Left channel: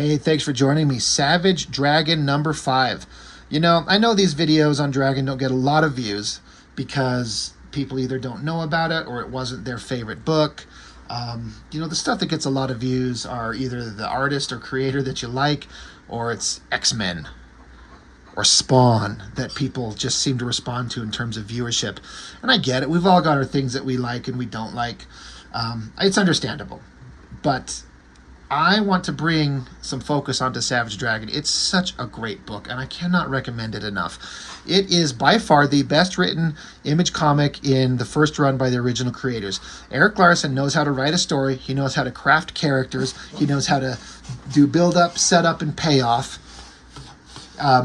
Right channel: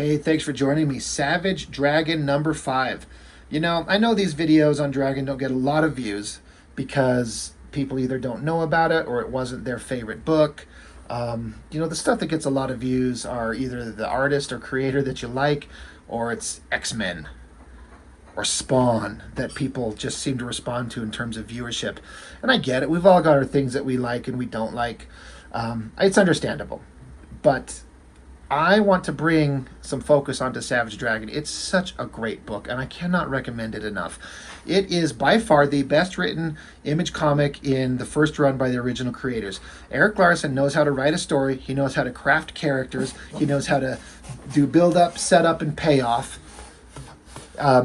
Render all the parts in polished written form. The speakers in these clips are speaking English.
Hey, thanks for joining me. Savage Dragon number 5. I know these videos on Dragon don't get a lot of views because people either don't know about it or it wasn't their favorite book. The stuff that gets a lot of views are either the artist or creator that you like, or it's X-Men or Spawn that people just seem to respond to in terms of viewership. And I get it. We've all got our things that we like and we don't like. It's understandable. But I want to bring some focus onto Savage Dragon. It's such a great book, and I cannot recommend it enough. It is by far the best written Image comic in the first run by the original creators. Eric Larson knows how to write a story. He knows how to craft characters. He knows how to do build-up, setup, and payoff.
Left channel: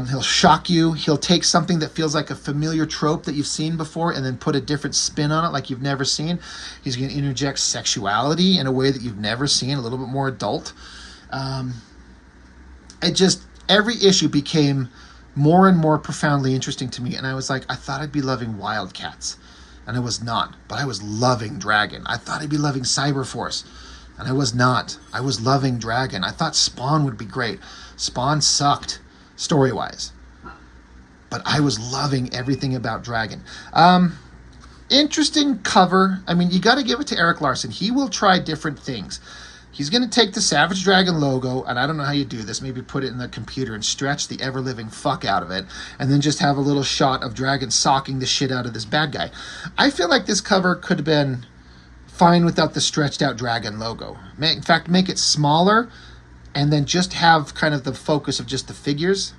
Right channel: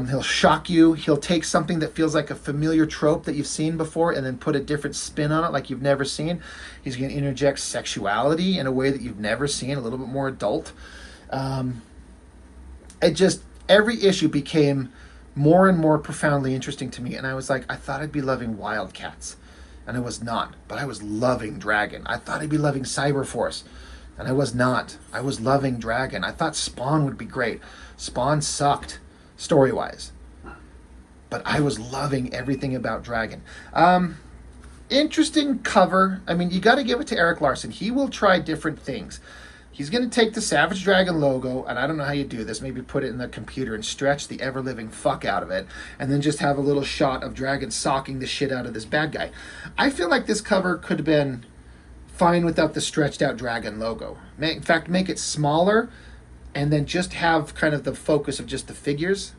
He'll shock you. He'll take something that feels like a familiar trope that you've seen before and then put a different spin on it like you've never seen. He's going to interject sexuality in a way that you've never seen, a little bit more adult. Every issue became more and more profoundly interesting to me. And I was like, I thought I'd be loving Wildcats. And I was not. But I was loving Dragon. I thought I'd be loving Cyberforce. And I was not. I was loving Dragon. I thought Spawn would be great. Spawn sucked, story-wise, but I was loving everything about Dragon. Interesting cover. I mean, you got to give it to Eric Larson. He will try different things. He's going to take the Savage Dragon logo, and I don't know how you do this, maybe put it in the computer and stretch the ever-living fuck out of it, and then just have a little shot of Dragon socking the shit out of this bad guy. I feel like this cover could have been fine without the stretched out Dragon logo. In fact, make it smaller and then just have kind of the focus of just the figures.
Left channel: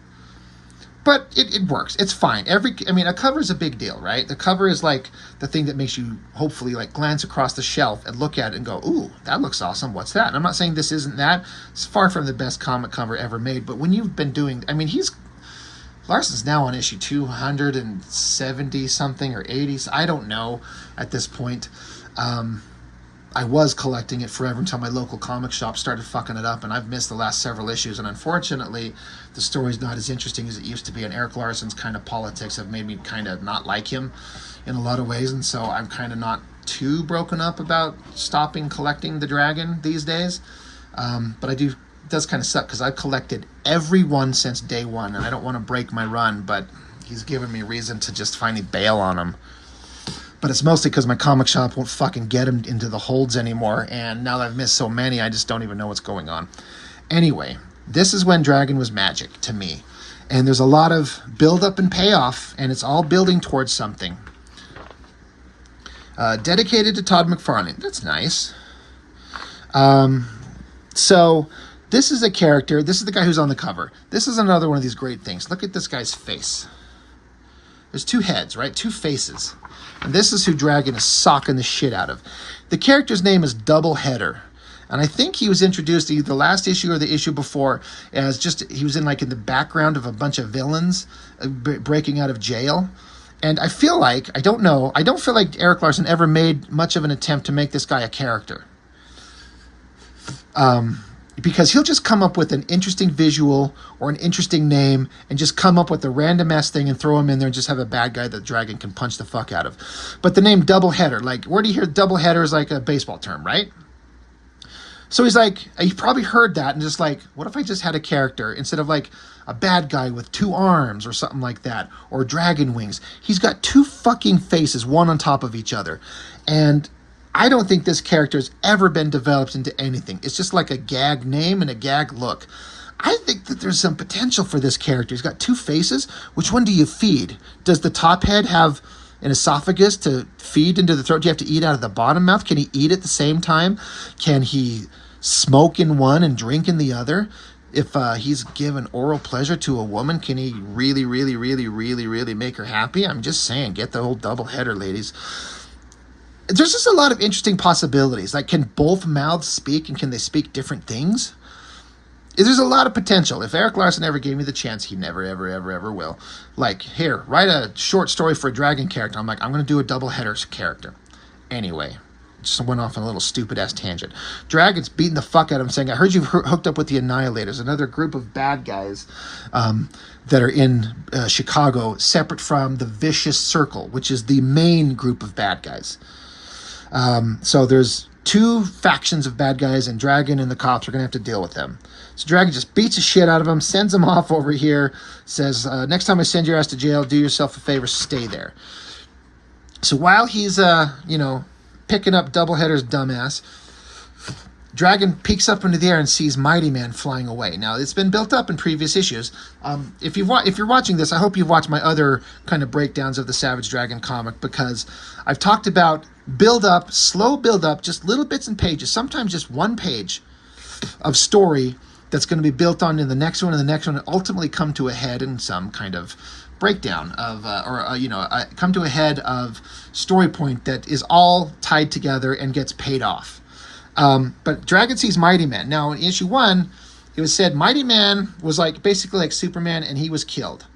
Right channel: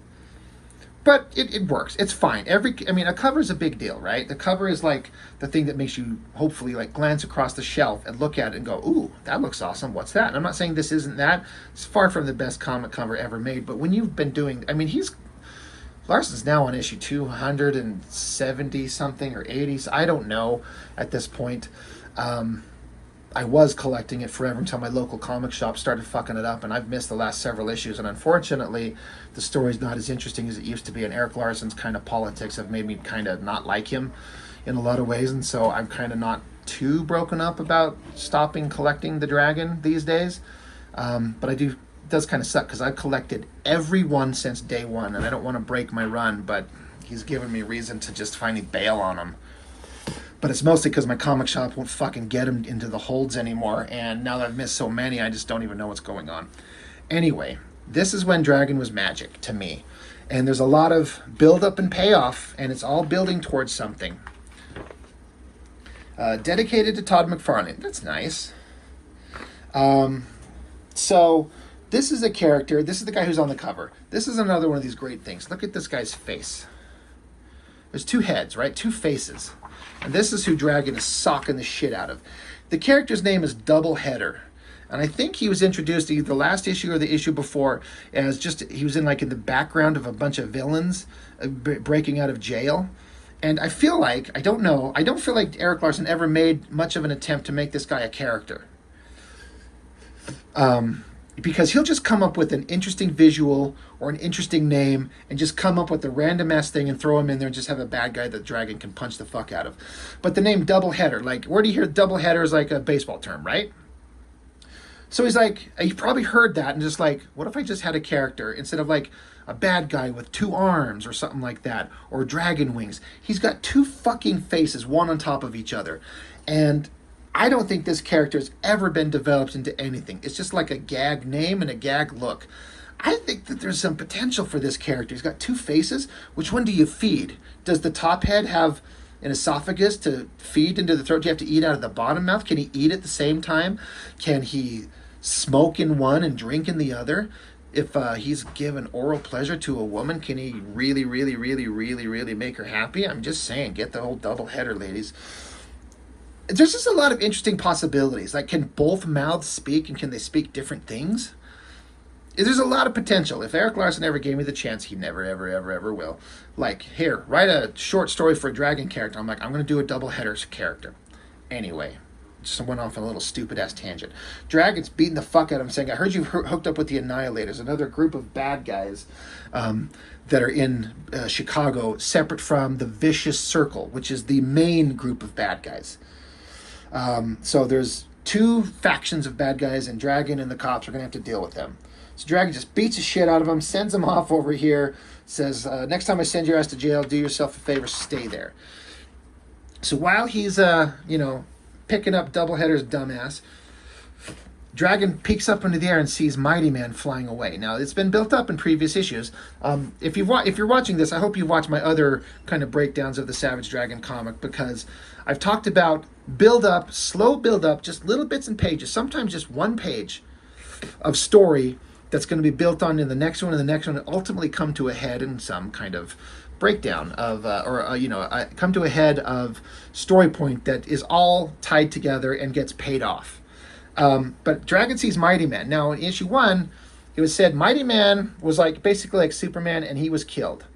But it works. It's fine. A cover is a big deal, right? The cover is like the thing that makes you hopefully like glance across the shelf and look at it and go, ooh, that looks awesome. What's that? And I'm not saying this isn't that. It's far from the best comic cover ever made. But when you've been doing, Larson's now on issue 270 something or 80. So I don't know at this point. I was collecting it forever until my local comic shop started fucking it up, and I've missed the last several issues, and unfortunately the story's not as interesting as it used to be, and Eric Larson's kind of politics have made me kind of not like him in a lot of ways, and so I'm kind of not too broken up about stopping collecting the Dragon these days. But it does kind of suck because I've collected every one since day one, and I don't want to break my run, but he's given me reason to just finally bail on him. But it's mostly because my comic shop won't fucking get him into the holds anymore. And now that I've missed so many, I just don't even know what's going on. Anyway, this is when Dragon was magic to me. And there's a lot of build-up and payoff, and it's all building towards something. Dedicated to Todd McFarlane. That's nice. So this is a character. This is the guy who's on the cover. This is another one of these great things. Look at this guy's face. There's two heads, right? Two faces. And this is who Dragon is socking the shit out of. The character's name is Doubleheader. And I think he was introduced either the last issue or the issue before as he was in the background of a bunch of villains breaking out of jail. And I feel like, I don't feel like Eric Larson ever made much of an attempt to make this guy a character. Because he'll just come up with an interesting visual or an interesting name and just come up with a random ass thing and throw him in there and just have a bad guy that Dragon can punch the fuck out of. But the name Doubleheader, where do you hear Doubleheader is like a baseball term, right? So he's like, he probably heard that and just like, what if I just had a character instead of like a bad guy with 2 arms or something like that, or dragon wings? He's got 2 fucking faces, one on top of each other. And I don't think this character has ever been developed into anything. It's just like a gag name and a gag look. I think that there's some potential for this character. He's got 2 faces. Which one do you feed? Does the top head have an esophagus to feed into the throat? Do you have to eat out of the bottom mouth? Can he eat at the same time? Can he smoke in one and drink in the other? If he's given oral pleasure to a woman, can he really, really, really, really, really make her happy? I'm just saying, get the whole double header, ladies. There's just a lot of interesting possibilities. Like, can both mouths speak, and can they speak different things? There's a lot of potential. If Eric Larson ever gave me the chance, he never, ever, ever, ever will. Like, here, write a short story for a Dragon character. I'm like, I'm going to do a double header character. Anyway, just went off on a little stupid-ass tangent. Dragon's beating the fuck out of him, saying, I heard you've hooked up with the Annihilators, another group of bad guys that are in Chicago, separate from the Vicious Circle, which is the main group of bad guys. So there's two factions of bad guys, and Dragon and the cops are going to have to deal with them. So Dragon just beats the shit out of him, sends him off over here, says, next time I send your ass to jail, do yourself a favor, stay there. So while he's, picking up Doubleheader's dumbass, Dragon peeks up into the air and sees Mighty Man flying away. Now, it's been built up in previous issues. If you're watching this, I hope you've watched my other kind of breakdowns of the Savage Dragon comic, because I've talked about build-up, slow build-up, just little bits and pages, sometimes just one page of story that's going to be built on in the next one and the next one, and ultimately come to a head in some kind of breakdown of, come to a head of story point that is all tied together and gets paid off. But Dragon sees Mighty Man. Now, in issue 1, it was said Mighty Man was basically like Superman, and he was killed.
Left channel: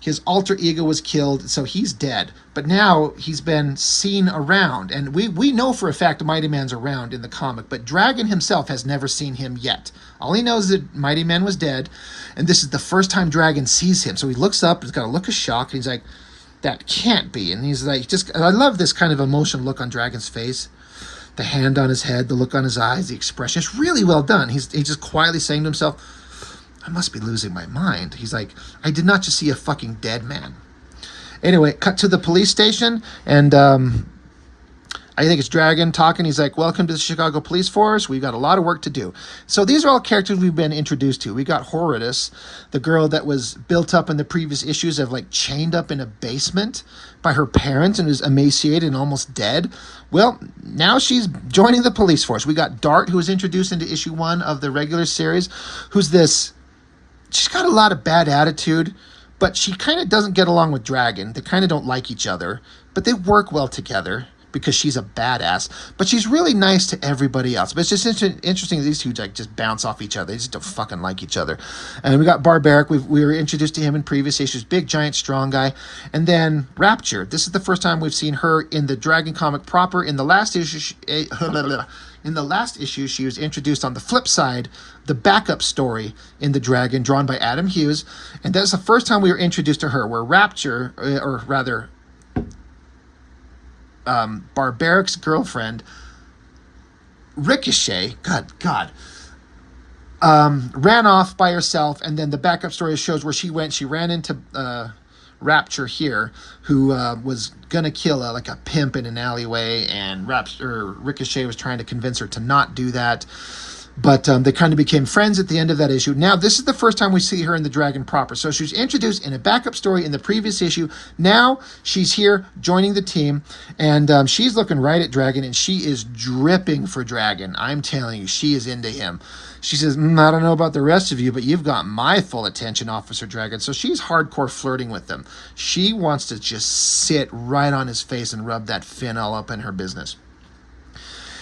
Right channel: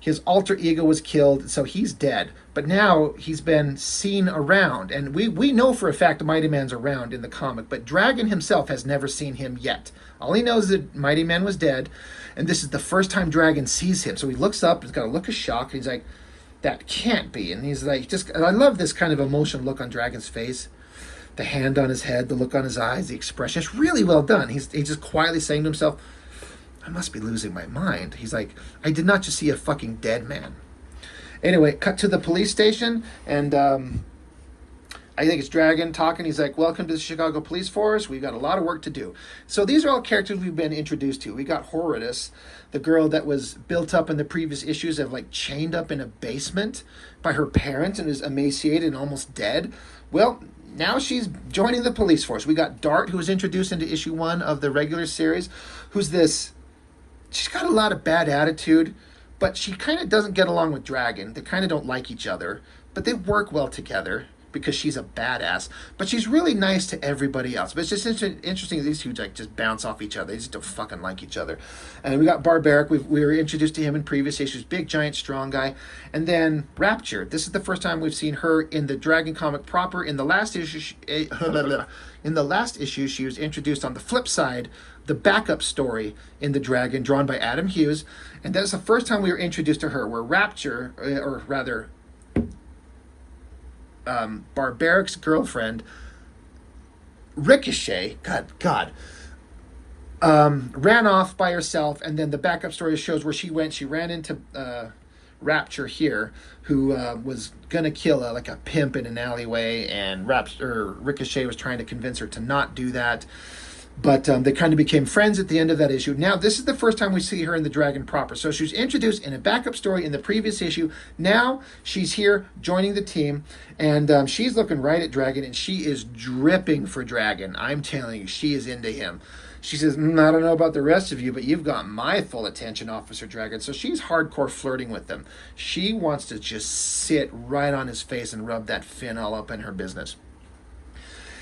His alter ego was killed, so he's dead. But now he's been seen around, and we know for a fact Mighty Man's around in the comic, but Dragon himself has never seen him yet. All he knows is that Mighty Man was dead, and this is the first time Dragon sees him. So he looks up, he's got a look of shock, and he's like, that can't be. And he's like, I love this kind of emotional look on Dragon's face. The hand on his head, the look on his eyes, the expression. It's really well done. He's just quietly saying to himself, I must be losing my mind. He's like, I did not just see a fucking dead man. Anyway, cut to the police station, and I think it's Dragon talking. He's like, welcome to the Chicago Police Force. We've got a lot of work to do. So these are all characters we've been introduced to. We got Horridus, the girl that was built up in the previous issues of chained up in a basement by her parents and was emaciated and almost dead. Well, now she's joining the police force. We got Dart, who was introduced into issue 1 of the regular series, who's this, she's got a lot of bad attitude, but she kind of doesn't get along with Dragon. They kind of don't like each other, but they work well together because she's a badass. But she's really nice to everybody else. But it's just interesting that these two just bounce off each other. They just don't fucking like each other. And we got Barbaric. We were introduced to him in previous issues. Big, giant, strong guy. And then Rapture. This is the first time we've seen her in the Dragon comic proper. In the last issue, she was introduced on the flip side, the backup story in the Dragon, drawn by Adam Hughes. And that's the first time we were introduced to her, where Rapture, or rather, Barbaric's girlfriend, Ricochet, ran off by herself, and then the backup story shows where she went. She ran into Rapture here, who was gonna kill a pimp in an alleyway, and Ricochet was trying to convince her to not do that. But they kind of became friends at the end of that issue. Now, this is the first time we see her in the Dragon proper. So she was introduced in a backup story in the previous issue. Now she's here joining the team, and she's looking right at Dragon, and she is dripping for Dragon. I'm telling you, she is into him. She says, I don't know about the rest of you, but you've got my full attention, Officer Dragon. So she's hardcore flirting with him. She wants to just sit right on his face and rub that fin all up in her business.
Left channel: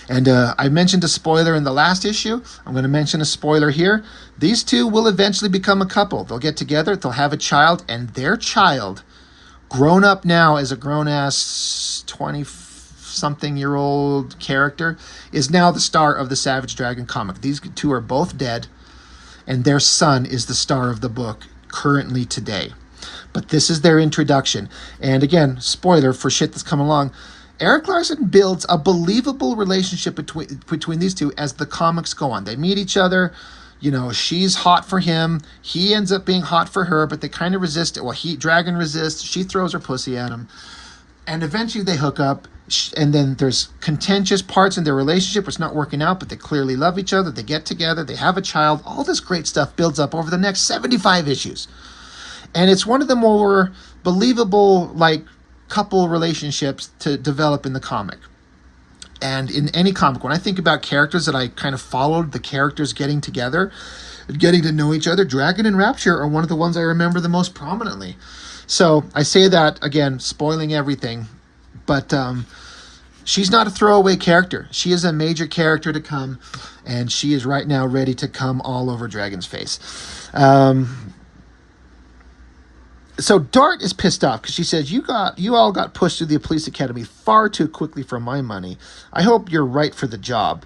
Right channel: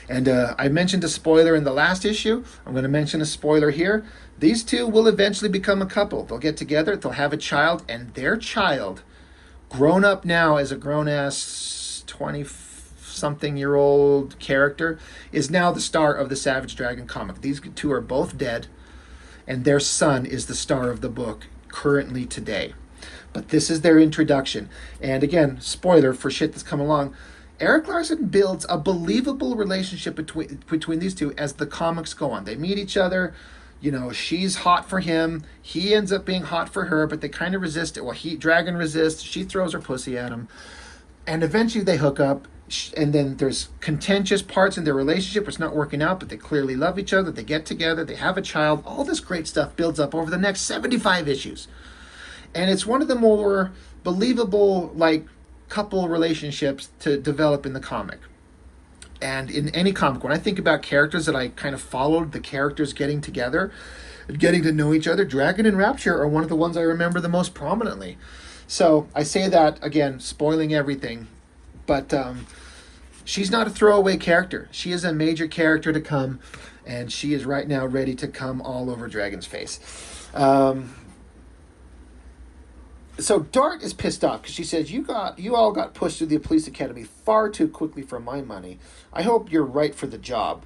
And I mentioned a spoiler in the last issue. I'm going to mention a spoiler here. These two will eventually become a couple. They'll get together, they'll have a child, and their child, grown up now as a grown-ass 20-something-year-old character, is now the star of the Savage Dragon comic. These two are both dead, and their son is the star of the book currently today. But this is their introduction. And again, spoiler for shit that's come along, Erik Larsen builds a believable relationship between these two as the comics go on. They meet each other. She's hot for him. He ends up being hot for her, but they kind of resist it. Well, Dragon resists. She throws her pussy at him. And eventually they hook up. And then there's contentious parts in their relationship. It's not working out, but they clearly love each other. They get together. They have a child. All this great stuff builds up over the next 75 issues. And it's one of the more believable, couple relationships to develop in the comic. And in any comic, when I think about characters that I kind of followed, the characters getting together, getting to know each other, Dragon and Rapture are one of the ones I remember the most prominently. So I say that, again, spoiling everything, but she's not a throwaway character. She is a major character to come, and she is right now ready to come all over Dragon's face. So Dart is pissed off because she says, you all got pushed through the police academy far too quickly for my money. I hope you're right for the job.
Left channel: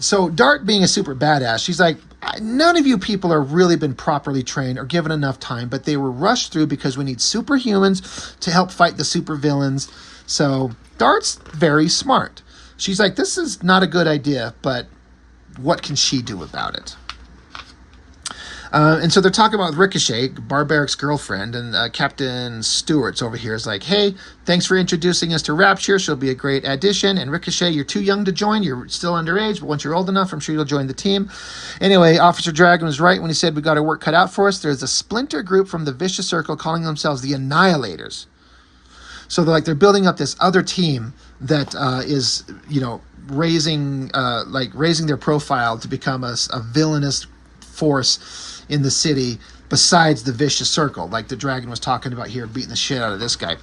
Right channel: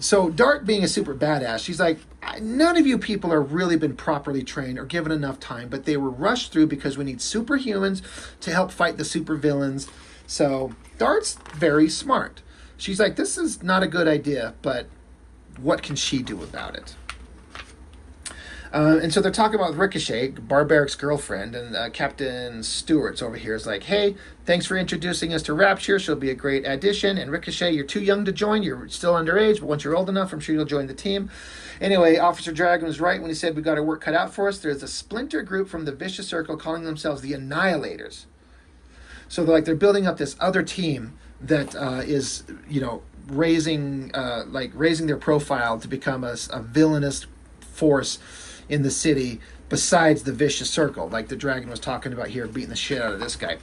So Dart, being a super badass, she's like, none of you people are really been properly trained or given enough time, but they were rushed through because we need superhumans to help fight the supervillains. So Dart's very smart. she's like, this is not a good idea, but what can she do about it? And so they're talking about Ricochet, Barbaric's girlfriend, and Captain Stewart's over here is like, hey, thanks for introducing us to Rapture. She'll be a great addition. And Ricochet, you're too young to join. You're still underage, but once you're old enough, I'm sure you'll join the team. Anyway, Officer Dragon was right when he said we got our work cut out for us. There's a splinter group from the Vicious Circle calling themselves the Annihilators. So they're building up this other team that is, raising their profile to become a villainous force in the city besides the Vicious Circle, like the Dragon was talking about here, beating the shit out of this guy.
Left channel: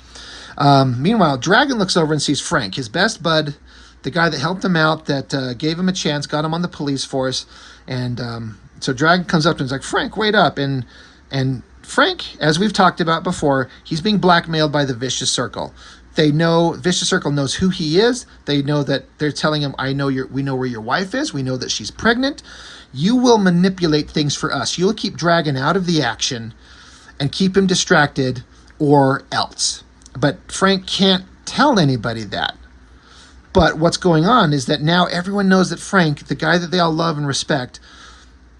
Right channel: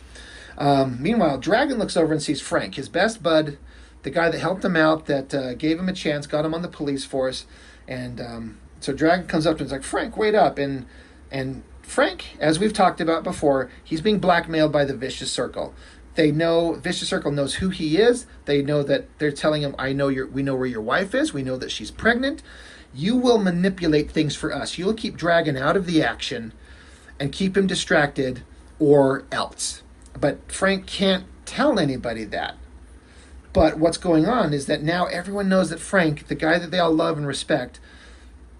Meanwhile, Dragon looks over and sees Frank, his best bud, the guy that helped him out, that gave him a chance, got him on the police force. And so Dragon comes up to him and is like, Frank, wait up. And Frank, as we've talked about before, he's being blackmailed by the Vicious Circle. They know, Vicious Circle knows who he is. They know that they're telling him, we know where your wife is. We know that she's pregnant. You will manipulate things for us. You'll keep Dragon out of the action and keep him distracted or else. But Frank can't tell anybody that. But what's going on is that now everyone knows that Frank, the guy that they all love and respect,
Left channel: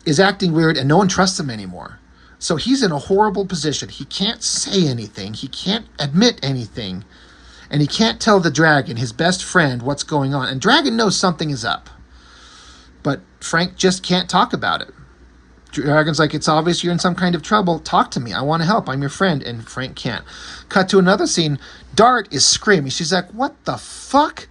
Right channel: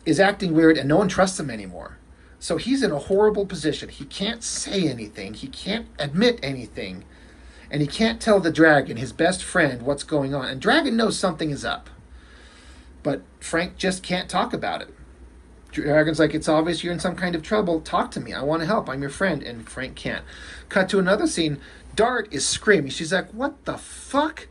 is acting weird and no one trusts him anymore. So he's in a horrible position. He can't say anything. He can't admit anything. And he can't tell the Dragon, his best friend, what's going on. And Dragon knows something is up. But Frank just can't talk about it. Dragon's like, it's obvious you're in some kind of trouble. Talk to me. I want to help. I'm your friend. And Frank can't. Cut to another scene. Dart is screaming. She's like, what the fuck?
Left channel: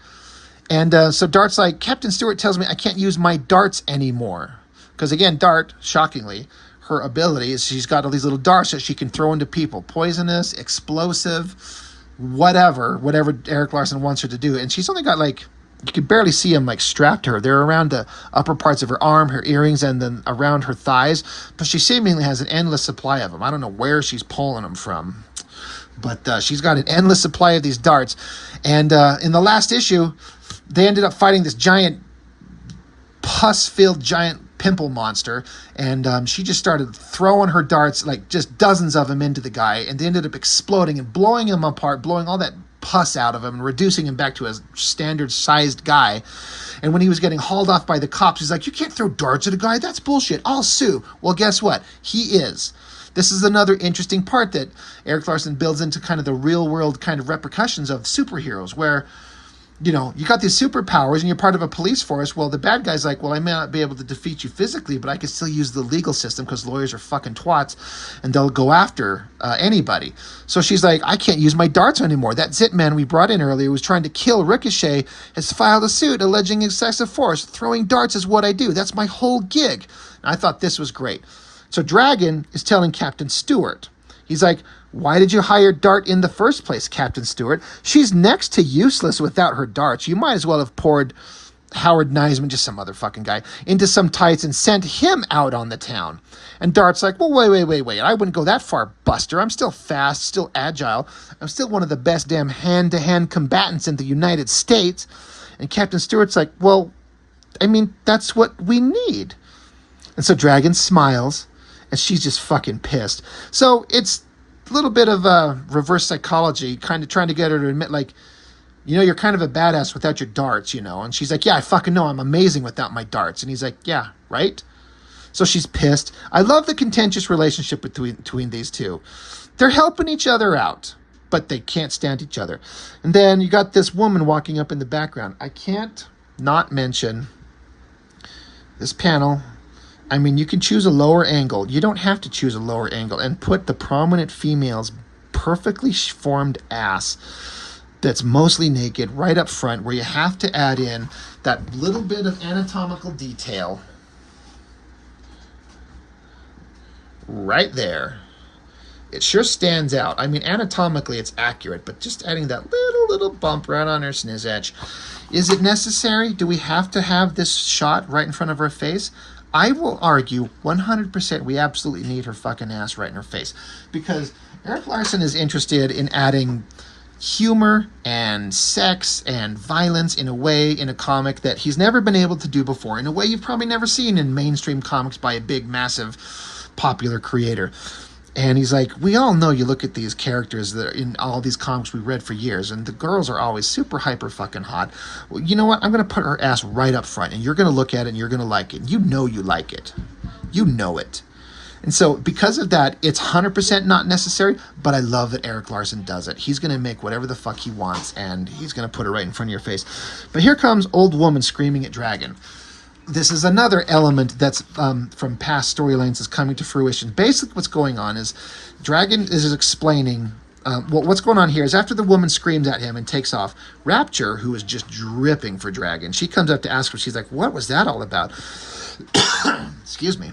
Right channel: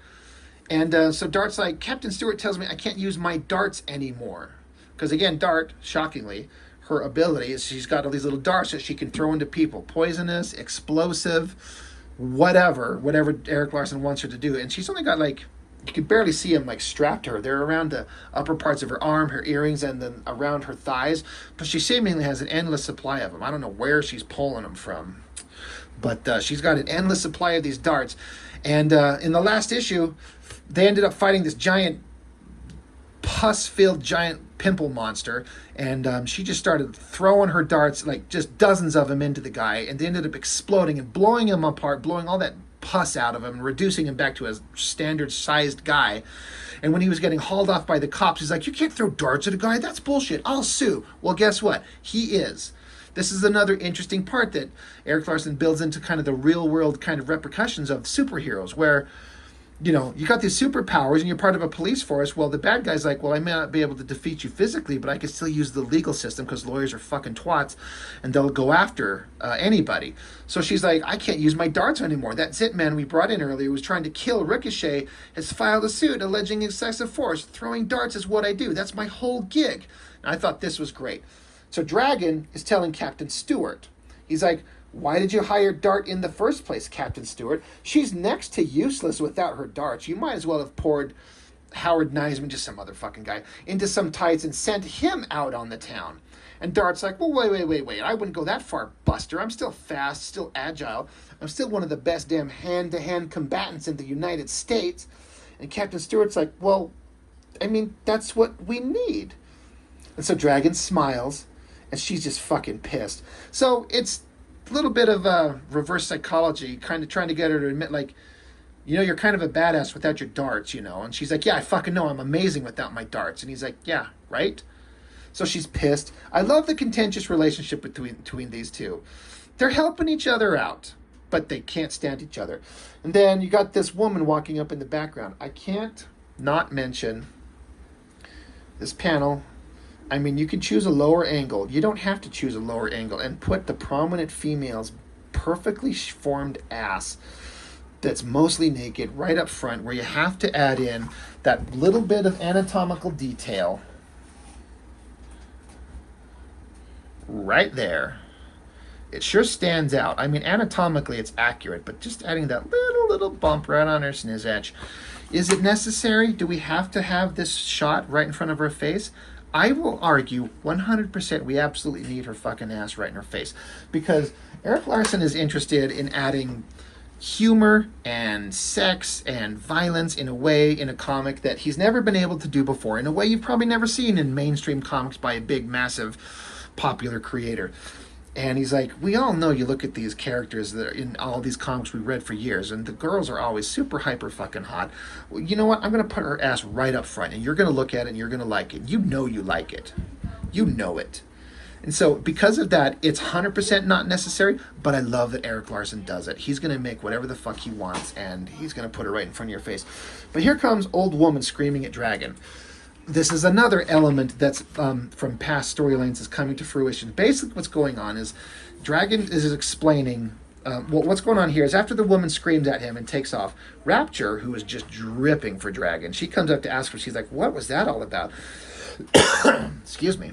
And so Dart's like, Captain Stewart tells me I can't use my darts anymore. Because again, Dart, shockingly, her ability is she's got all these little darts that she can throw into people. Poisonous, explosive, whatever Eric Larson wants her to do. And she's only got you can barely see them strapped to her. They're around the upper parts of her arm, her earrings, and then around her thighs. But she seemingly has an endless supply of them. I don't know where she's pulling them from. But she's got an endless supply of these darts. And in the last issue, they ended up fighting this giant, pus-filled giant pimple monster. And she just started throwing her darts, just dozens of them into the guy. And they ended up exploding and blowing him apart, blowing all that pus out of him and reducing him back to a standard-sized guy. And when he was getting hauled off by the cops, he's like, you can't throw darts at a guy. That's bullshit. I'll sue. Well, guess what? He is. This is another interesting part that Eric Larson builds into kind of the real-world kind of repercussions of superheroes, where, you got these superpowers and you're part of a police force. Well, the bad guy's like, well, I may not be able to defeat you physically, but I can still use the legal system because lawyers are fucking twats and they'll go after anybody. So she's like, I can't use my darts anymore. That Zit man we brought in earlier who was trying to kill Ricochet has filed a suit alleging excessive force. Throwing darts is what I do. That's my whole gig. And I thought this was great. So Dragon is telling Captain Stewart, he's like, why did you hire Dart in the first place, Captain Stewart? She's next to useless without her darts. You might as well have poured Howard Neisman, just some other fucking guy, into some tights and sent him out on the town. And Dart's like, well, wait. I wouldn't go that far, Buster. I'm still fast, still agile. I'm still one of the best damn hand-to-hand combatants in the United States. And Captain Stewart's like, well, that's what we need. And so Dragon smiles, and she's just fucking pissed. So it's a little bit of reverse psychology, kind of trying to get her to admit, you're kind of a badass without your darts, And she's like, yeah, I fucking know. I'm amazing without my darts. And he's like, yeah, right? So she's pissed. I love the contentious relationship between these two. They're helping each other out, but they can't stand each other. And then you got this woman walking up in the background. I can't not mention this panel. You can choose a lower angle. You don't have to choose a lower angle and put the prominent female's perfectly formed ass that's mostly naked right up front, where you have to add in that little bit of anatomical detail right there. It sure stands out. Anatomically it's accurate, but just adding that little bump right on her sniz edge. Is it necessary? Do we have to have this shot right in front of her face? I will argue 100% we absolutely need her fucking ass right in her face, because Eric Larson is interested in adding humor and sex and violence in a comic that he's never been able to do before, in a way you've probably never seen in mainstream comics by a big, massive, popular creator. And he's like, we all know you look at these characters that are in all these comics we read for years, and the girls are always super hyper fucking hot. Well, you know what? I'm going to put her ass right up front, and you're going to look at it, and you're going to like it. You know you like it. You know it. And so because of that, it's 100% not necessary, but I love that Eric Larson does it. He's going to make whatever the fuck he wants, and he's going to put it right in front of your face. But here comes old woman screaming at Dragon. This is another element that's from past storylines is coming to fruition. Basically what's going on is Dragon is explaining, what's going on here is after the woman screams at him and takes off, Rapture, who is just dripping for Dragon, she comes up to ask her, she's like, what was that all about? Excuse me.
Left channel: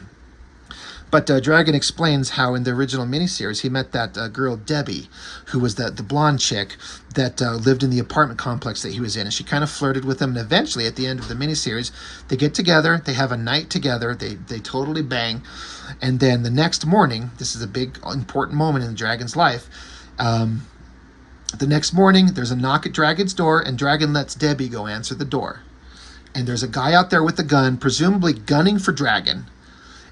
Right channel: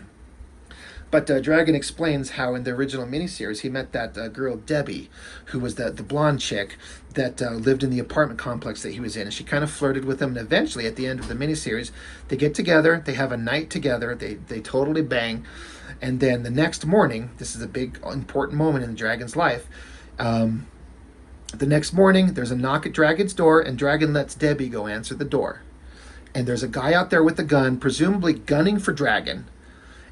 But Dragon explains how in the original miniseries he met that girl Debbie, who was the blonde chick that lived in the apartment complex that he was in. And she kind of flirted with him. And eventually, at the end of the miniseries, they get together. They have a night together. They totally bang. And then the next morning, this is a big, important moment in Dragon's life. The next morning, there's a knock at Dragon's door, and Dragon lets Debbie go answer the door. And there's a guy out there with a gun, presumably gunning for Dragon.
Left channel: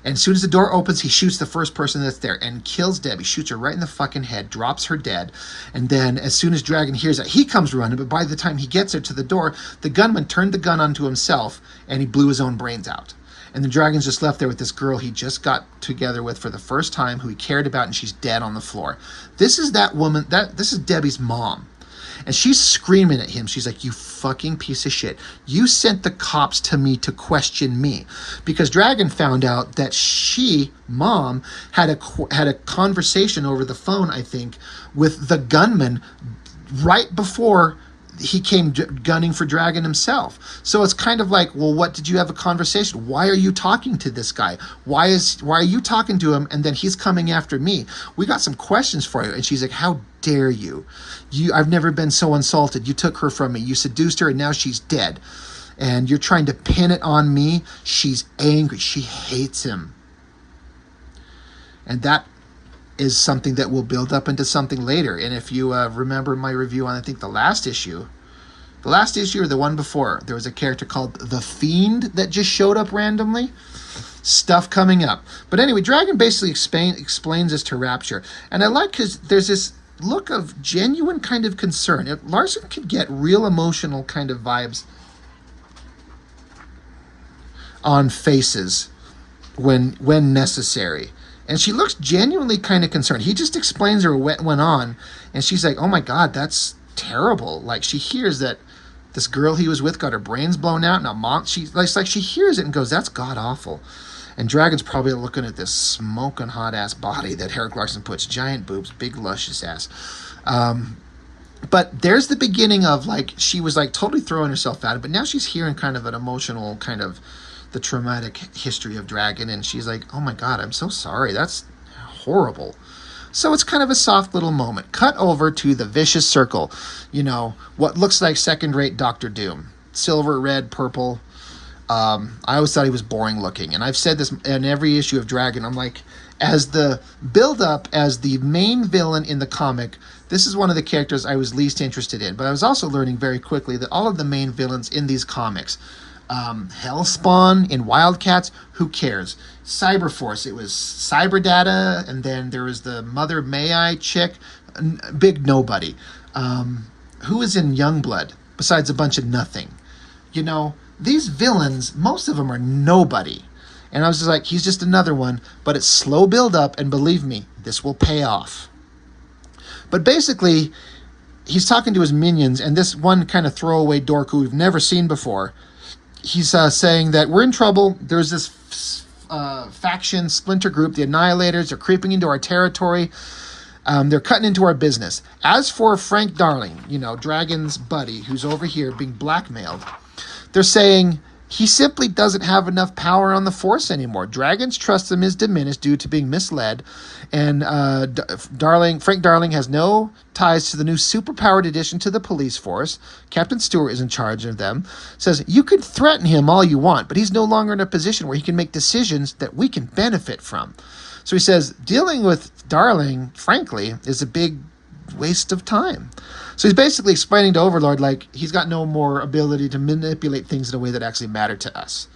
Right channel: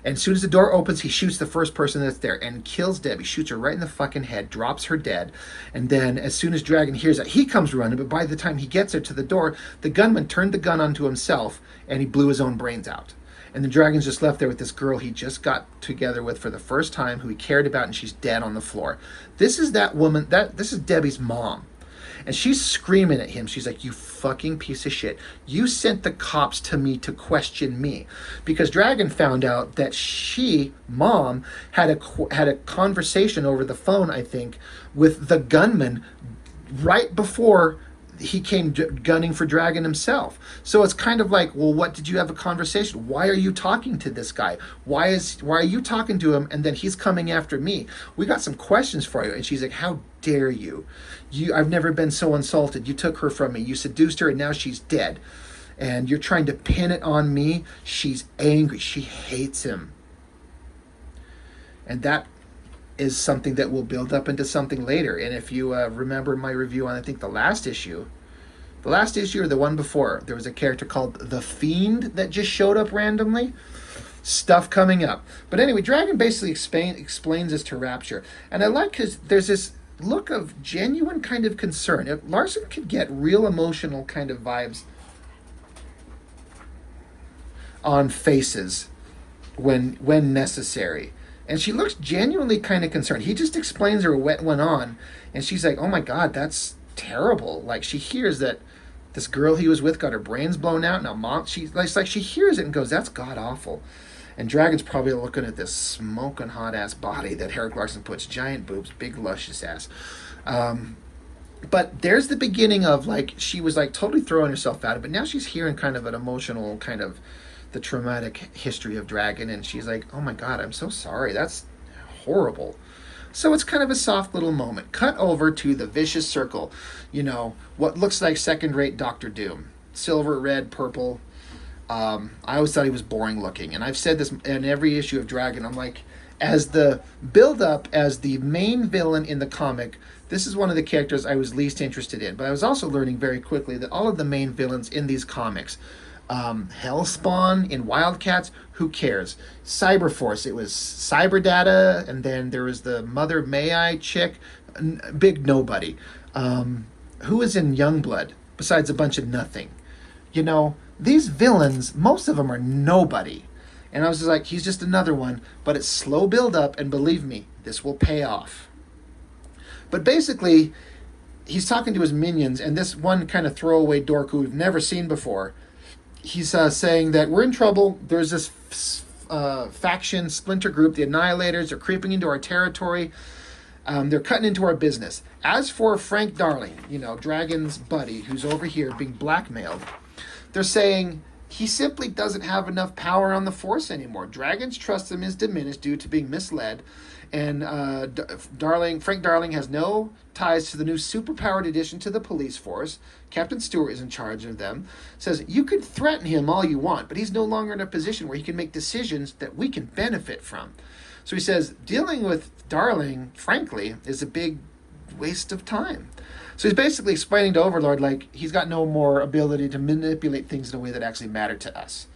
And as soon as the door opens, he shoots the first person that's there and kills Debbie, shoots her right in the fucking head, drops her dead. And then as soon as Dragon hears that, he comes running, but by the time he gets her to the door, the gunman turned the gun onto himself and he blew his own brains out. And the Dragon's just left there with this girl he just got together with for the first time, who he cared about, and she's dead on the floor. This is that woman, this is Debbie's mom. And she's screaming at him. She's like, you fucking piece of shit. You sent the cops to me to question me. Because Dragon found out that she, mom, had a conversation over the phone, I think, with the gunman right before he came gunning for Dragon himself. So it's kind of like, well, what did you have a conversation? Why are you talking to this guy? Why are you talking to him and then he's coming after me? We got some questions for you. And she's like, how dare you? I've never been so insulted. You took her from me. You seduced her and now she's dead. And you're trying to pin it on me. She's angry. She hates him. And that is something that will build up into something later. And if you remember my review on, I think, the last issue or the one before, there was a character called The Fiend that just showed up randomly. Stuff coming up. But anyway, Dragon basically explains this to Rapture. And I like because there's this look of genuine kind of concern. Larson could get real emotional kind of vibes on faces when necessary. And she looks genuinely kind of concerned. He just explains her what went on. And she's like, oh my God, that's terrible. Like, she hears that this girl he was with got her brains blown out. Now, mom, she hears it and goes, that's god awful. And Dragon's probably looking at this smoking hot ass body that Eric Larson puts. Giant boobs, big luscious ass. But there's the beginning of, like, she was like totally throwing herself at it. But now she's hearing kind of an emotional kind of the traumatic history of Dragon, and she's like, oh my God, I'm so sorry, that's horrible. So it's kind of a soft little moment. Cut over to the vicious circle, what looks like second-rate Doctor Doom. Silver, red, purple. I always thought he was boring looking, and I've said this in every issue of Dragon. I'm like, as the build-up as the main villain in the comic, this is one of the characters I was least interested in, but I was also learning very quickly that all of the main villains in these comics, Hellspawn in Wildcats, who cares? Cyberforce, it was Cyberdata, and then there was the Mother May I chick, big nobody. Who is in Youngblood besides a bunch of nothing? These villains, most of them are nobody. And I was just like, he's just another one, but it's slow build up, and believe me, this will pay off. But basically, he's talking to his minions, and this one kind of throwaway dork who we've never seen before, he's saying that we're in trouble. There's this faction splinter group, the Annihilators, are creeping into our territory. They're cutting into our business. As for Frank Darling, Dragon's buddy, who's over here being blackmailed, they're saying he simply doesn't have enough power on the force anymore. Dragon's trust in him is diminished due to being misled. And Frank Darling has no ties to the new superpowered addition to the police force. Captain Stewart is in charge of them. Says, you can threaten him all you want, but he's no longer in a position where he can make decisions that we can benefit from. So he says, dealing with Darling, frankly, is a big waste of time. So he's basically explaining to Overlord, like, he's got no more ability to manipulate things in a way that actually matter to us.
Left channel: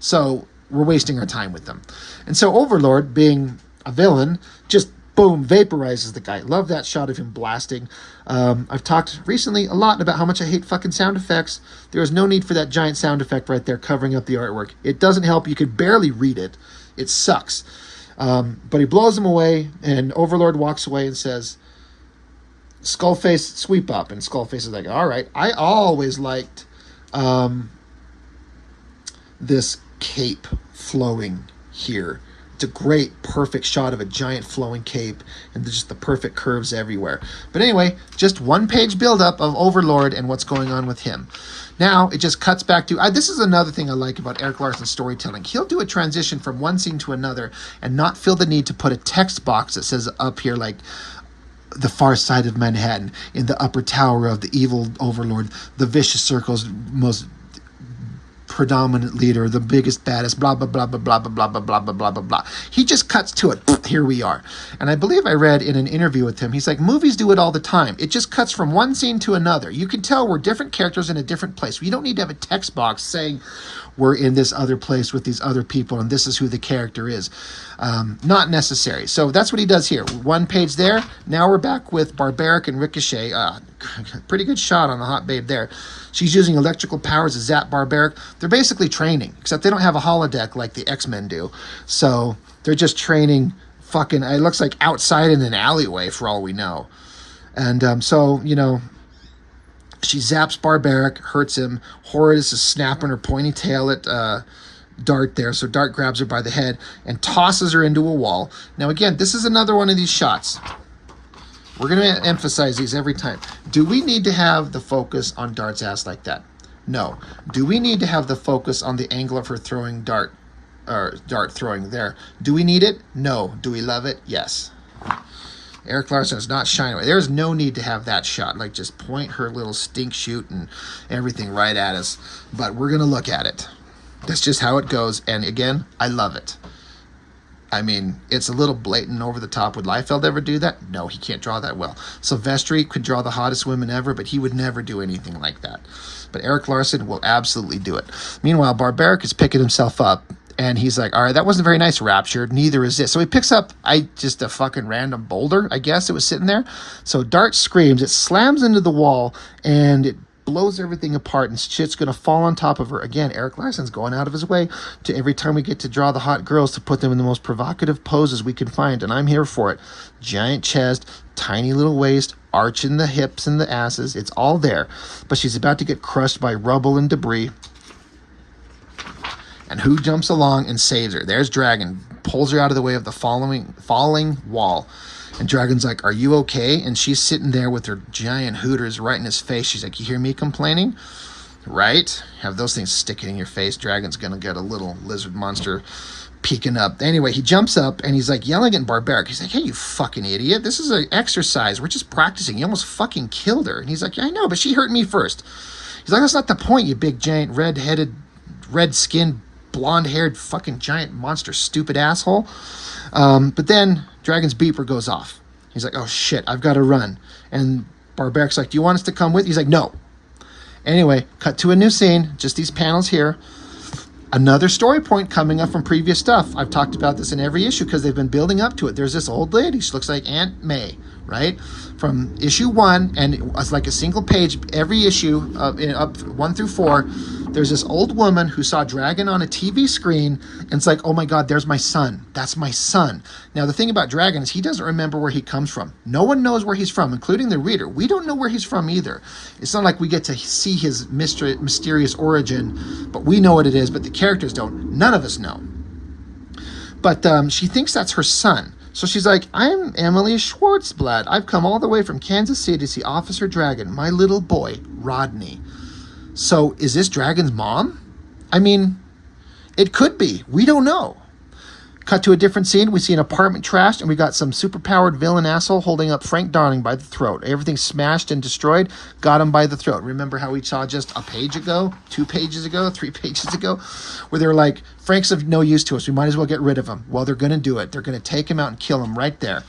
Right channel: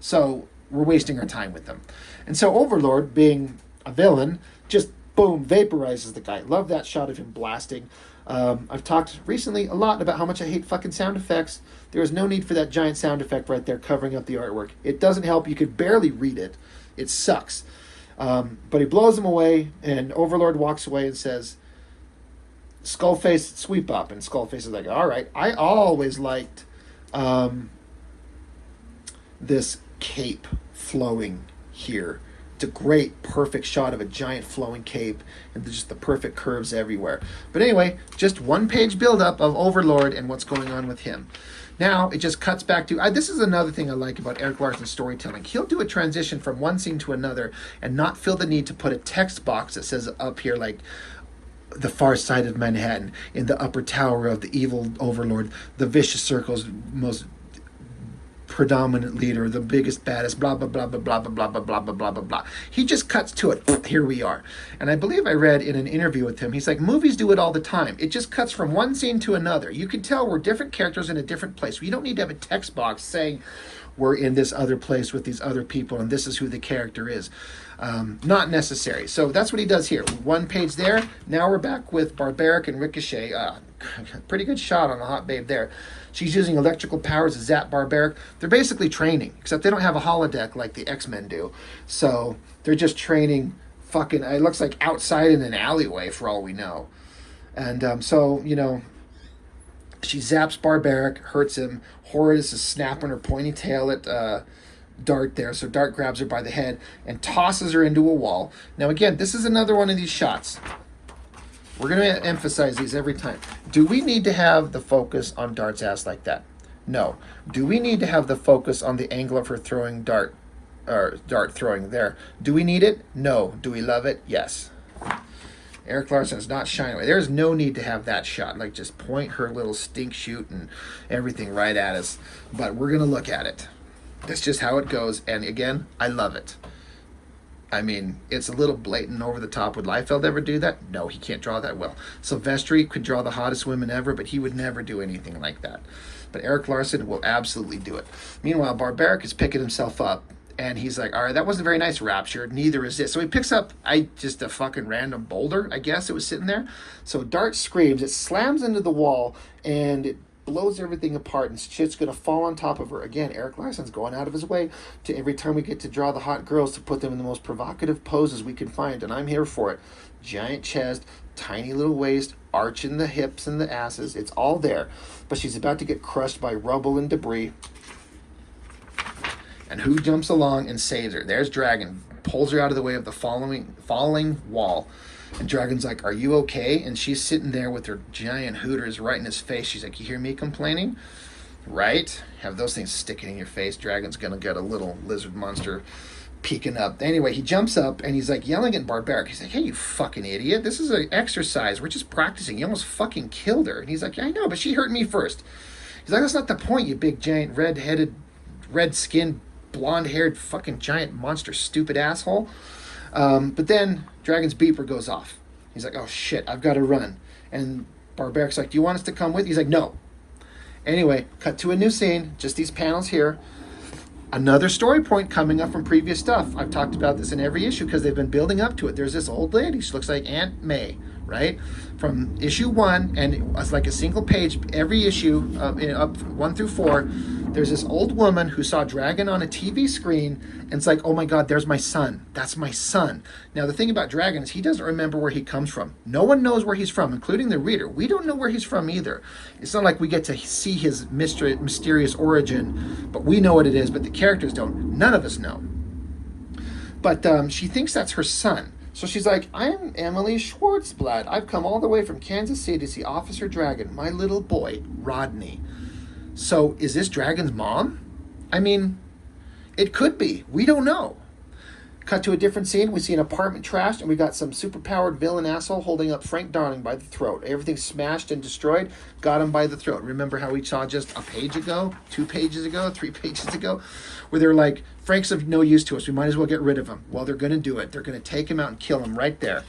So we're wasting our time with them. And so Overlord, being a villain, just boom, vaporizes the guy. Love that shot of him blasting. I've talked recently a lot about how much I hate fucking sound effects. There is no need for that giant sound effect right there covering up the artwork. It doesn't help. You could barely read it. It sucks. But he blows him away, and Overlord walks away and says, Skullface, sweep up. And Skullface is like, all right. I always liked this cape flowing here. It's a great, perfect shot of a giant flowing cape and just the perfect curves everywhere. But anyway, just one page buildup of Overlord and what's going on with him. Now, it just cuts back to... this is another thing I like about Erik Larsen's storytelling. He'll do a transition from one scene to another and not feel the need to put a text box that says up here, like, the far side of Manhattan, in the upper tower of the evil Overlord, the vicious circle's most predominant leader, the biggest, baddest, blah, blah, blah, blah, blah, blah, blah, blah, blah, blah, blah, blah, blah. He just cuts to it. Here we are. And I believe I read in an interview with him, he's like, movies do it all the time. It just cuts from one scene to another. You can tell we're different characters in a different place. We don't need to have a text box saying we're in this other place with these other people and this is who the character is. Not necessary. So that's what he does here. One page there. Now we're back with Barbaric and Ricochet. Pretty good shot on the hot babe there. She's using electrical powers to zap Barbaric. They're basically training, except they don't have a holodeck like the X-Men do. So they're just training fucking, it looks like outside in an alleyway for all we know. And so, you know, she zaps Barbaric, hurts him. Horus is snapping her pointy tail at Dart there. So Dart grabs her by the head and tosses her into a wall. Now, again, this is another one of these shots. We're going to emphasize these every time. Do we need to have the focus on Dart's ass like that? No. Do we need to have the focus on the angle of her throwing Dart, or Dart throwing there? Do we need it? No. Do we love it? Yes. Erik Larsen is not shying away. There's no need to have that shot. Like, just point her little stink shoot and everything right at us. But we're going to look at it. That's just how it goes. And again, I love it. I mean, it's a little blatant over the top. Would Liefeld ever do that? No, he can't draw that well. Silvestri could draw the hottest women ever, but he would never do anything like that. But Erik Larsen will absolutely do it. Meanwhile, Barbaric is picking himself up. And he's like, all right, that wasn't very nice, Rapture. Neither is this. So he picks up just a fucking random boulder, I guess. It was sitting there. So Dart screams. It slams into the wall, and it blows everything apart, and shit's going to fall on top of her. Again, Erik Larsen's going out of his way to every time we get to draw the hot girls to put them in the most provocative poses we can find, and I'm here for it. Giant chest, tiny little waist, arching the hips and the asses. It's all there. But she's about to get crushed by rubble and debris. And who jumps along and saves her? There's Dragon. Pulls her out of the way of the falling wall. And Dragon's like, are you okay? And she's sitting there with her giant hooters right in his face. She's like, you hear me complaining? Right? Have those things sticking in your face. Dragon's going to get a little lizard monster peeking up. Anyway, he jumps up and he's like yelling at Barbaric. He's like, hey, you fucking idiot. This is an exercise. We're just practicing. You almost fucking killed her. And he's like, yeah, I know, but she hurt me first. He's like, that's not the point, you big, giant, red-headed, red-skinned, blonde-haired, fucking giant monster, stupid asshole. But then Dragon's beeper goes off. He's like, oh shit, I've got to run. And Barbaric's like, do you want us to come with? He's like, no. Anyway, cut to a new scene, just these panels here. Another story point coming up from previous stuff. I've talked about this in every issue because they've been building up to it. There's this old lady. She looks like Aunt May, right? From issue 1, and it's like a single page every issue, up 1 through 4. There's this old woman who saw Dragon on a TV screen, and it's like, oh my God, there's my son. That's my son. Now, the thing about Dragon is he doesn't remember where he comes from. No one knows where he's from, including the reader. We don't know where he's from either. It's not like we get to see his mysterious origin, but we know what it is, but the characters don't. None of us know. But she thinks that's her son. So she's like, I'm Emily Schwartzblatt. I've come all the way from Kansas City to see Officer Dragon, my little boy, Rodney. So is this Dragon's mom? I mean, it could be. We don't know. Cut to a different scene. We see an apartment trashed, and we got some superpowered villain asshole holding up Frank Darling by the throat. Everything smashed and destroyed. Got him by the throat. Remember how we saw just a page ago, 2 pages ago, 3 pages ago, where they're like, Frank's of no use to us. We might as well get rid of him. Well, they're going to do it. They're going to take him out and kill him right there.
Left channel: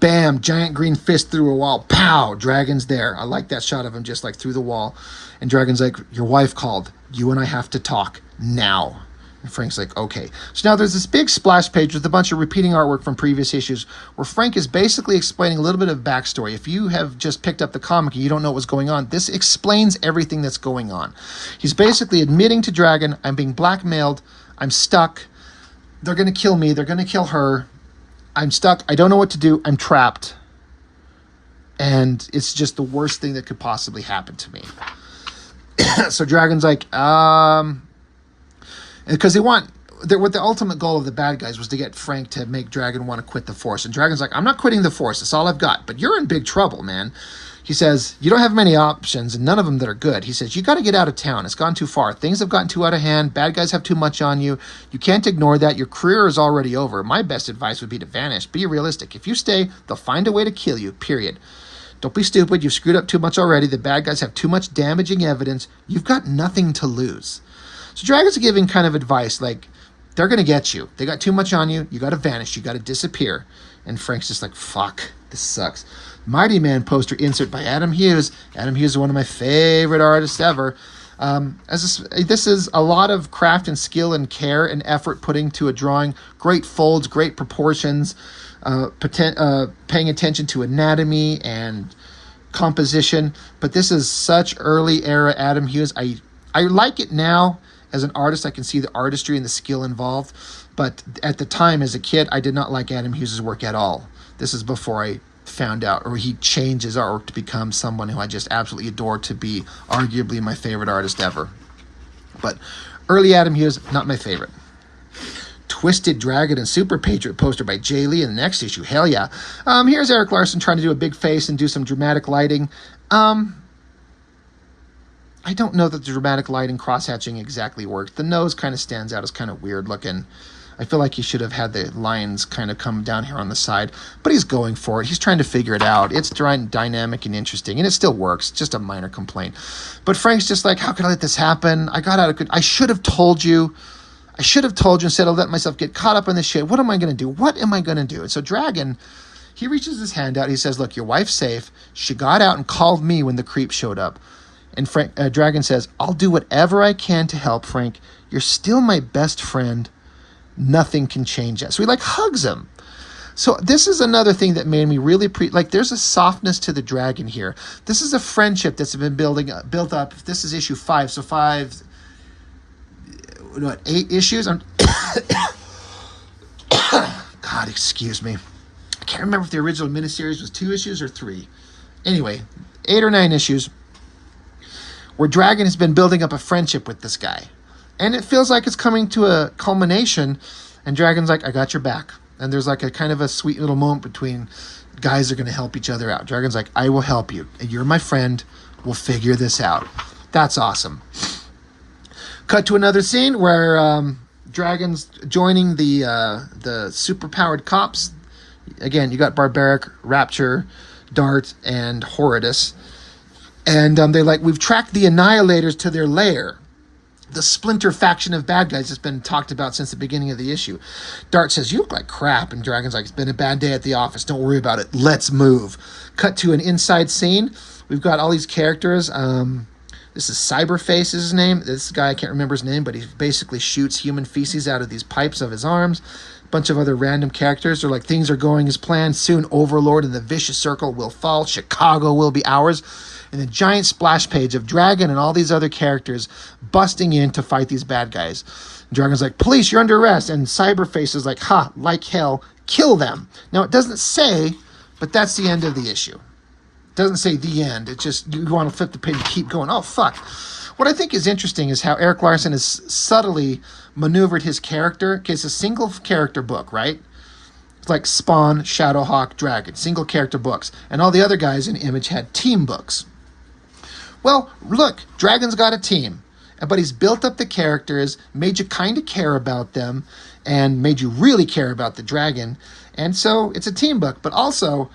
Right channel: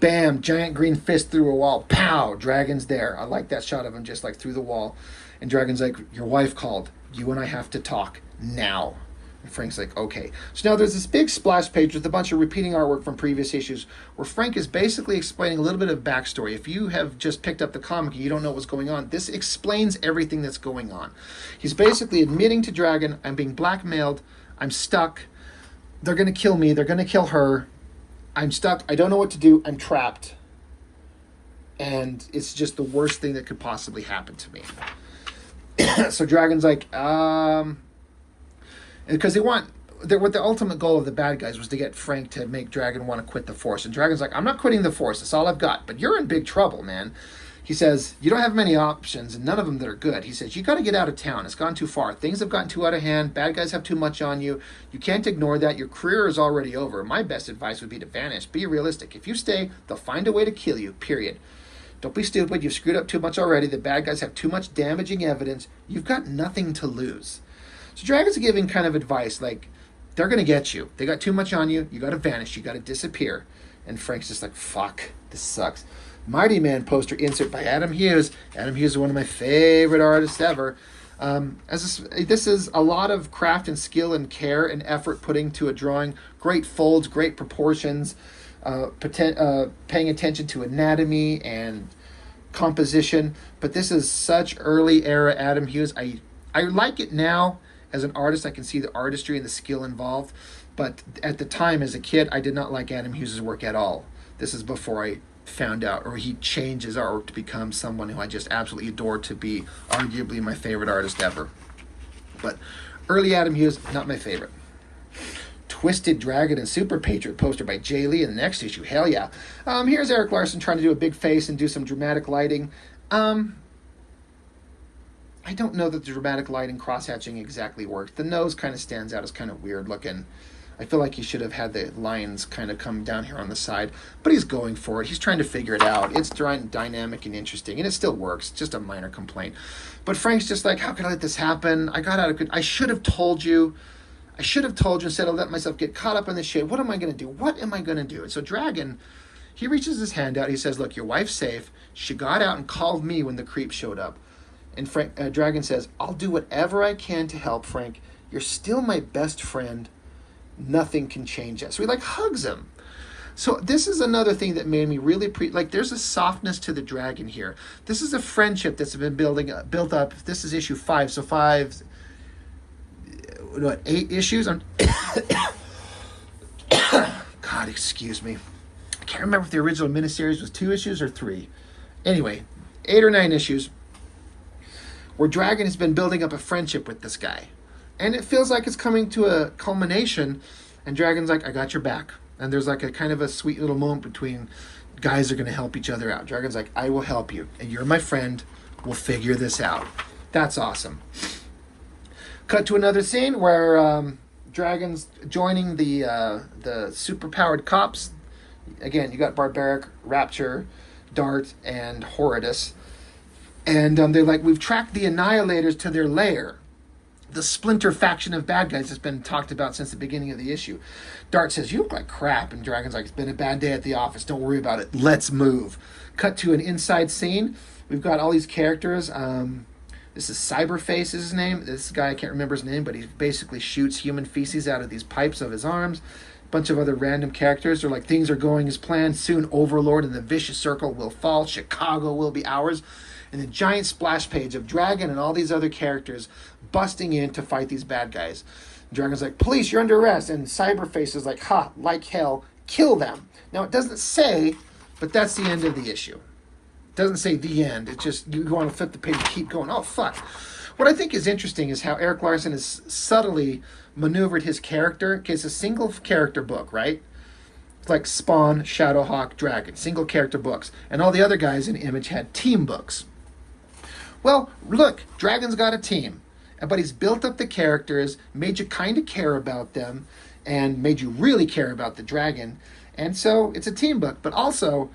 Bam! Giant green fist through a wall. Pow! Dragon's there. I like that shot of him just like through the wall. And Dragon's like, your wife called. You and I have to talk now. And Frank's like, okay. So now there's this big splash page with a bunch of repeating artwork from previous issues where Frank is basically explaining a little bit of backstory. If you have just picked up the comic and you don't know what's going on, this explains everything that's going on. He's basically admitting to Dragon, I'm being blackmailed, I'm stuck, they're going to kill me, they're going to kill her, I'm stuck, I don't know what to do, I'm trapped. And it's just the worst thing that could possibly happen to me. So Dragon's like, because what the ultimate goal of the bad guys was to get Frank to make Dragon want to quit the Force. And Dragon's like, I'm not quitting the Force. That's all I've got. But you're in big trouble, man. He says, you don't have many options, and none of them that are good. He says, you got to get out of town. It's gone too far. Things have gotten too out of hand. Bad guys have too much on you. You can't ignore that. Your career is already over. My best advice would be to vanish. Be realistic. If you stay, they'll find a way to kill you, period. Don't be stupid. You've screwed up too much already. The bad guys have too much damaging evidence. You've got nothing to lose. So Dragon's giving kind of advice like, they're going to get you. They got too much on you. You got to vanish. You got to disappear. And Frank's just like, fuck, this sucks. Mighty Man poster insert by Adam Hughes. Adam Hughes is one of my favorite artists ever. This is a lot of craft and skill and care and effort putting to a drawing. Great folds, great proportions, paying attention to anatomy and composition. But this is such early era Adam Hughes. I like it now. As an artist, I can see the artistry and the skill involved. But at the time, as a kid, I did not like Adam Hughes' work at all. This is before I found out, or he changed his artwork to become someone who I just absolutely adore, to be arguably my favorite artist ever. But early Adam Hughes, not my favorite. Twisted Dragon and Super Patriot poster by Jay Lee in the next issue. Hell yeah. Here's Erik Larsen trying to do a big face and do some dramatic lighting. I don't know that the dramatic lighting cross-hatching exactly works. The nose kind of stands out as kind of weird looking. I feel like he should have had the lines kind of come down here on the side, but he's going for it. He's trying to figure it out. It's dynamic and interesting, and it still works. It's just a minor complaint. But Frank's just like, how could I let this happen? I should have told you. I should have told you instead of letting myself get caught up in this shit. What am I going to do? What am I going to do? And so Dragon, he reaches his hand out. He says, look, your wife's safe. She got out and called me when the creep showed up. And Dragon says, I'll do whatever I can to help, Frank. You're still my best friend. Nothing can change that. So he hugs him. So this is another thing that made me really there's a softness to the Dragon here. This is a friendship that's been built up. This is issue 5. So 8 issues? God, excuse me. I can't remember if the original miniseries was 2 issues or 3. Anyway, 8 or 9 issues where Dragon has been building up a friendship with this guy. And it feels like it's coming to a culmination, and Dragon's like, I got your back. And there's a kind of a sweet little moment between guys are going to help each other out. Dragon's like, I will help you. And you're my friend. We'll figure this out. That's awesome. Cut to another scene where Dragon's joining the super-powered cops. Again, you got Barbaric, Rapture, Dart, and Horridus. And they're like, we've tracked the Annihilators to their lair. The splinter faction of bad guys that's been talked about since the beginning of the issue. Dart says, you look like crap. And Dragon's like, it's been a bad day at the office. Don't worry about it. Let's move. Cut to an inside scene. We've got all these characters. This is Cyberface is his name. This guy, I can't remember his name, but he basically shoots human feces out of these pipes of his arms. A bunch of other random characters. They're like, things are going as planned. Soon Overlord and the Vicious Circle will fall. Chicago will be ours. And the giant splash page of Dragon and all these other characters busting in to fight these bad guys. Dragon's like, police, you're under arrest. And Cyberface is like, ha, like hell, kill them. Now, it doesn't say, but that's the end of the issue. It doesn't say the end. It's just, you want to flip the page and keep going. Oh, fuck. What I think is interesting is how Erik Larsen has subtly maneuvered his character. Okay, it's a single character book, right? It's like Spawn, Shadowhawk, Dragon. Single character books. And all the other guys in Image had team books. Well, look, Dragon's got a team, but he's built up the characters, made you kind of care about them, and made you really care about the Dragon. And so it's a team book, but also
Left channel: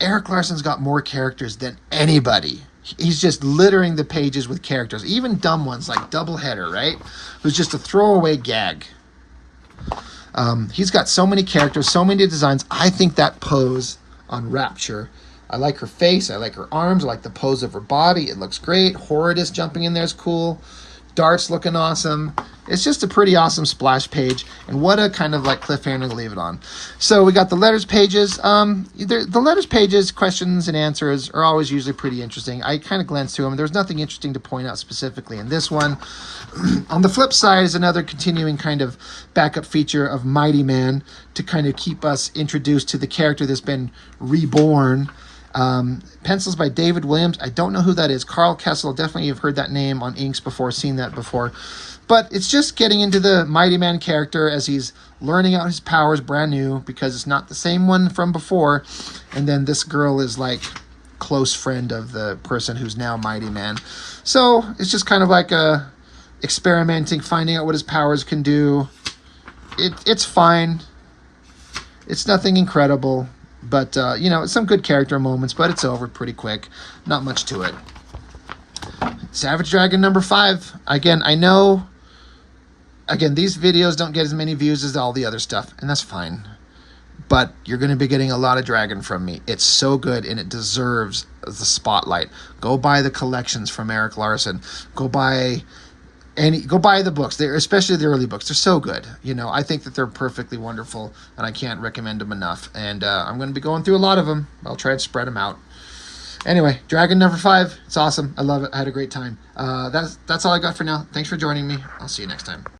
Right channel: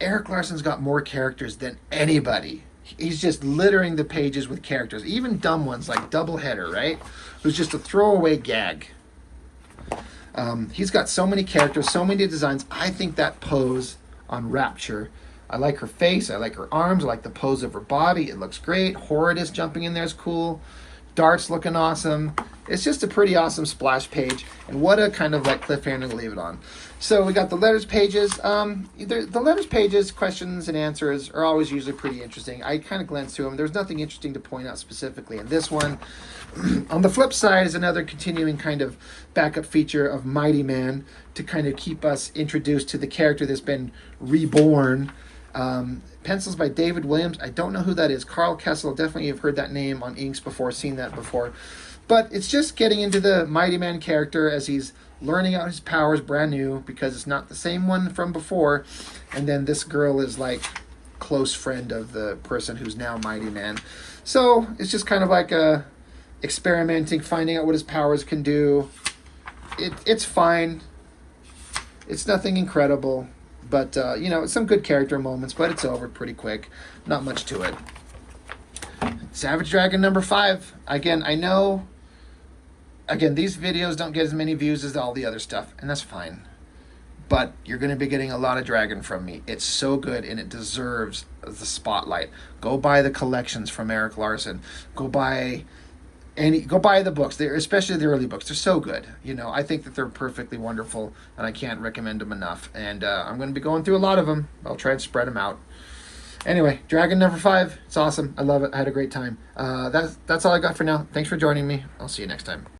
Erik Larsen's got more characters than anybody. He's just littering the pages with characters, even dumb ones like Doubleheader, right? Who's just a throwaway gag. He's got so many characters, so many designs. I think that pose on Rapture, I like her face, I like her arms, I like the pose of her body. It looks great. Horridus jumping in there is cool. Dart's looking awesome. It's just a pretty awesome splash page, and what a kind of like cliffhanger to leave it on. So we got the letters pages. The letters pages, questions and answers are always usually pretty interesting. I kind of glanced through them. There's nothing interesting to point out specifically in this one. On the flip side is another continuing kind of backup feature of Mighty Man to kind of keep us introduced to the character that's been reborn. Pencils by David Williams. I don't know who that is. Carl Kessel. Definitely have heard that name on inks before, seen that before. But it's just getting into the Mighty Man character as he's learning out his powers brand new, because it's not the same one from before. And then this girl is like close friend of the person who's now Mighty Man. So it's just kind of like experimenting, finding out what his powers can do. It's fine. It's nothing incredible. But, you know, some good character moments, but it's over pretty quick. Not much to it. Savage Dragon number 5. Again, I know... Again, these videos don't get as many views as all the other stuff, and that's fine. But you're going to be getting a lot of Dragon from me. It's so good, and it deserves the spotlight. Go buy the collections from Erik Larson. Go buy the books. Especially the early books. They're so good. You know, I think that they're perfectly wonderful, and I can't recommend them enough. And I'm going to be going through a lot of them. I'll try and spread them out. Anyway, Dragon number 5. It's awesome. I love it. I had a great time. That's all I got for now. Thanks for joining me. I'll see you next time.